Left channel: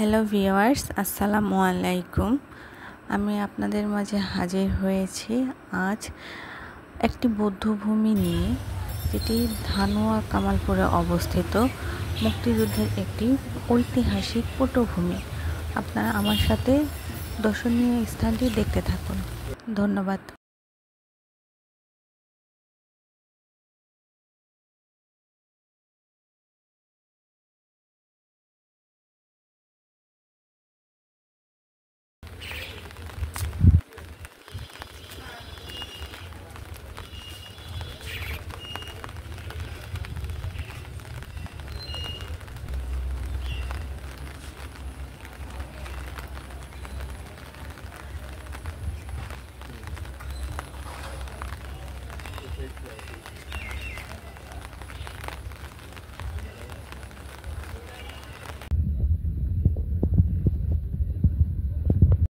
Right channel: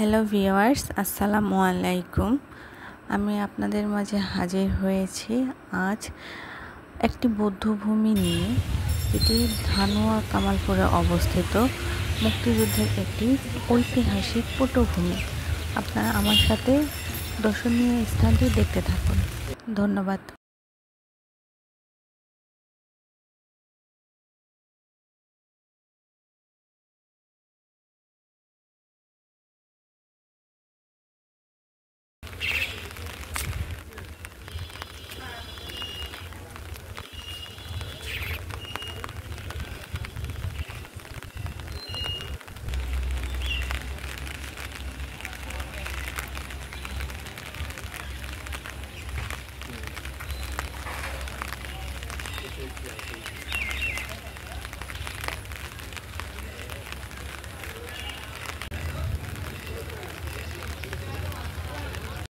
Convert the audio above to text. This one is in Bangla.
হ্যালো ভিউয়ার্স, আসসালামু আলাইকুম। আমি আপনাদের মাঝে হাজির হয়েছি আজ একটি বৌদ্ধভূমি নিয়ে, যেটি ধানুয়া কামালপুরে অবস্থিত মুক্তিযুদ্ধের একটি ঐতিহাসিক পটভূমি। আপনারা আমার সাথে দর্শনীয় স্থানটি দেখতে থাকুন। ধন্যবাদ।